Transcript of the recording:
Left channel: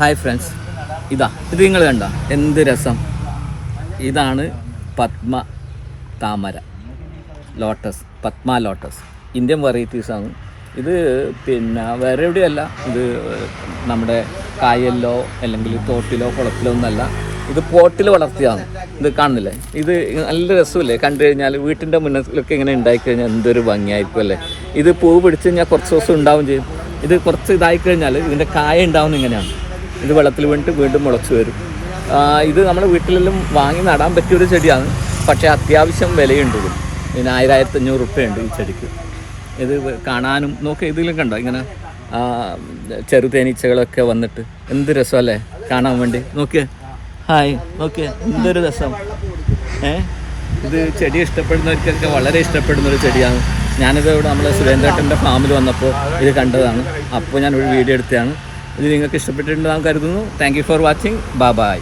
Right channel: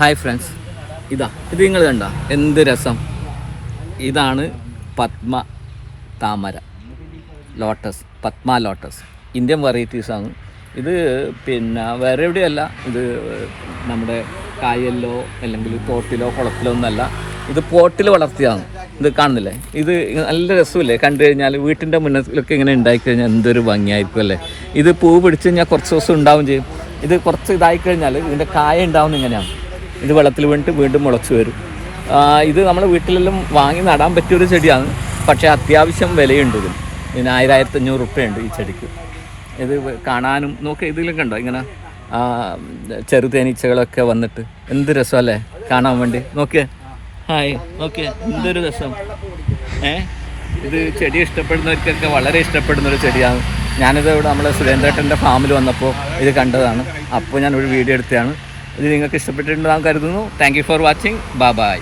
Hi friends ഇതാ ഇത് നിങ്ങൾ കണ്ട. എന്ത് രസം. ഇതാണ് പത്മ താമര. ലോട്ടസ് പത്മ ലോട്ടസ് ഇന്ത്യൻ വെറൈറ്റീസ് ആണ്. ഇത് പിന്നെ വേറെ എവിടെയല്ല ഇത് നമ്മുടെ കായലിലോ അല്ലെങ്കിൽ തോട്ടിലോ കുളത്തിലോ ഒന്നല്ല ഇത് പോട്ടിൽ വളർത്തിയതാണ്. ഇത് കാണുന്നില്ലേ? ഇത് നല്ല രസമല്ലേ? കണ്ടു കഴിഞ്ഞാൽ വീട്ടിന്റെ മുന്നിലൊക്കെ ഇങ്ങനെ ഉണ്ടായി കഴിഞ്ഞാൽ എന്തൊരു ഭംഗിയായിരിക്കും അല്ലേ? ഇത് പൂ പിടിച്ച് കഴിഞ്ഞാൽ കുറച്ച് ദിവസം ഉണ്ടാവും ചെയ്യും. ഇത് കുറച്ച് ഇതായി കഴിഞ്ഞാൽ ഇതിന്റെ കായ ഉണ്ടാവുന്ന ഇങ്ങനെയാണ്. ഇത് വെള്ളത്തിൽ വീണിട്ട് വീണ്ടും മുളച്ചു വരും. ഇത് നമ്മൾ വീട്ടിലെല്ലാം വാങ്ങി നടാൻ പറ്റിയൊരു ചെടിയാണ്. പക്ഷേ അത്യാവശ്യം വിലയുണ്ട് ഇതിന് ഇതിന് ആയിരം ആയിരത്തി അഞ്ഞൂറ് റുപ്യുണ്ട് ഈ ചെടിക്ക്. ഇത് കാണാനും നോക്ക് ഇതിലും കണ്ടോ ഇങ്ങനെ ചെറുതേനീച്ചകളൊക്കെ വന്നിട്ട്. എന്ത് രസമല്ലേ കാണാൻ വേണ്ടി. നോക്കിയേ. ഹായ്. നോക്കിയേ. എന്തൊരു രസം. ഏ? ഇത് ചെടി ഇഷ്ടപ്പെടുന്നവർക്കൊക്കെ വളരെ ഇഷ്ടപ്പെടുന്ന ഒരു ചെടിയാണ്. ഞാനിത് ഇവിടെ നമ്മളെ സുരേന്ദ്രേട്ടന്റെ ഫാമിൽ വന്നപ്പോൾ ഇത് കണ്ടതാണ്. അപ്പോൾ ഞാൻ ഒരു വീഡിയോ എടുത്തതാണ്. ഇത് നിങ്ങൾക്ക് ഇഷ്ടപ്പെട്ടിട്ടുണ്ടെന്ന് കരുതുന്നു. Thank for watching bye bye